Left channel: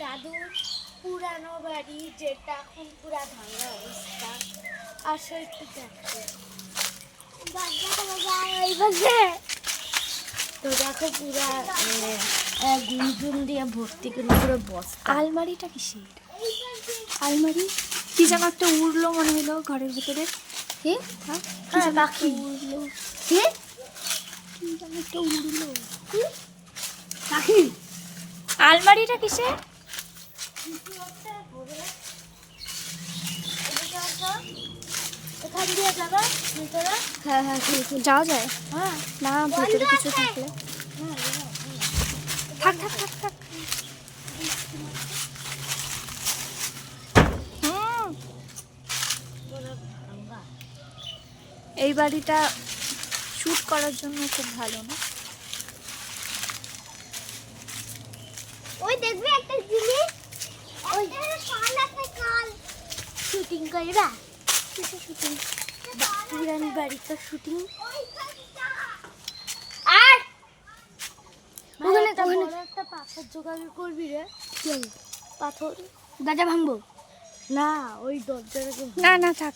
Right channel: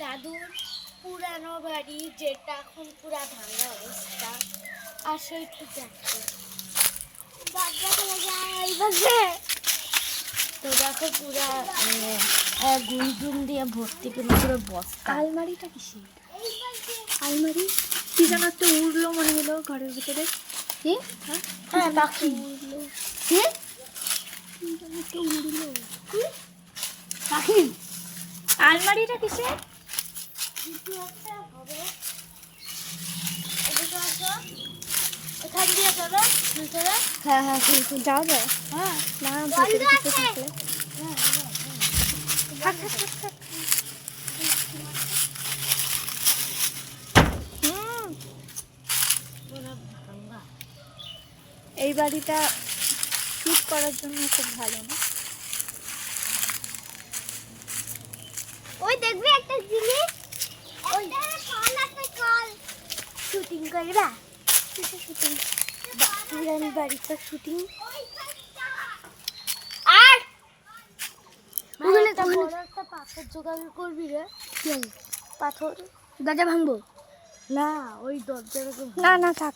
দাদুর পুরানো বাড়ি যেটা এখন পুরা ভাঙা অবস্থা। আসো একটু দেখো। তো দেখো পুরা আহ, দিয়ে ভর্তি করে পুরো বস্তা। আলমারিটা কিসের? আলমারি? কি যেন একটা উড়লো মনে হলো ঘরের ভিতরে। হ্যাঁ? কি হ্যাঁ, পাখি। উড়লো। কে? কি যেন একটা উড়লো। পাখি? আলমারিটা কিসের কিছু একটা হবে এদিকে আসো এখান দিয়ে যাবে? ভিতরে? হ্যাঁ হ্যাঁ ঠিক যাওয়া যায়? হ্যাঁ। না ভিতরে কিছু থাকলে। হ্যাঁ থাক থাক থাক থাক। হুম। পুরো ভাঙা। এই বাড়িটা শুট করার জন্য খুব ভালো না? ওই দেখবে একটা জিনিস ওই কল। আছে কল শুটিং করে না শুটিং পুরান বাড়িতে শুটিং আর! ওখানে একটা একটা পাথর জোগাড় করবি রে। পাথর। দরজা ভাঙবো? না ওই দরজাটাকে না না থাক।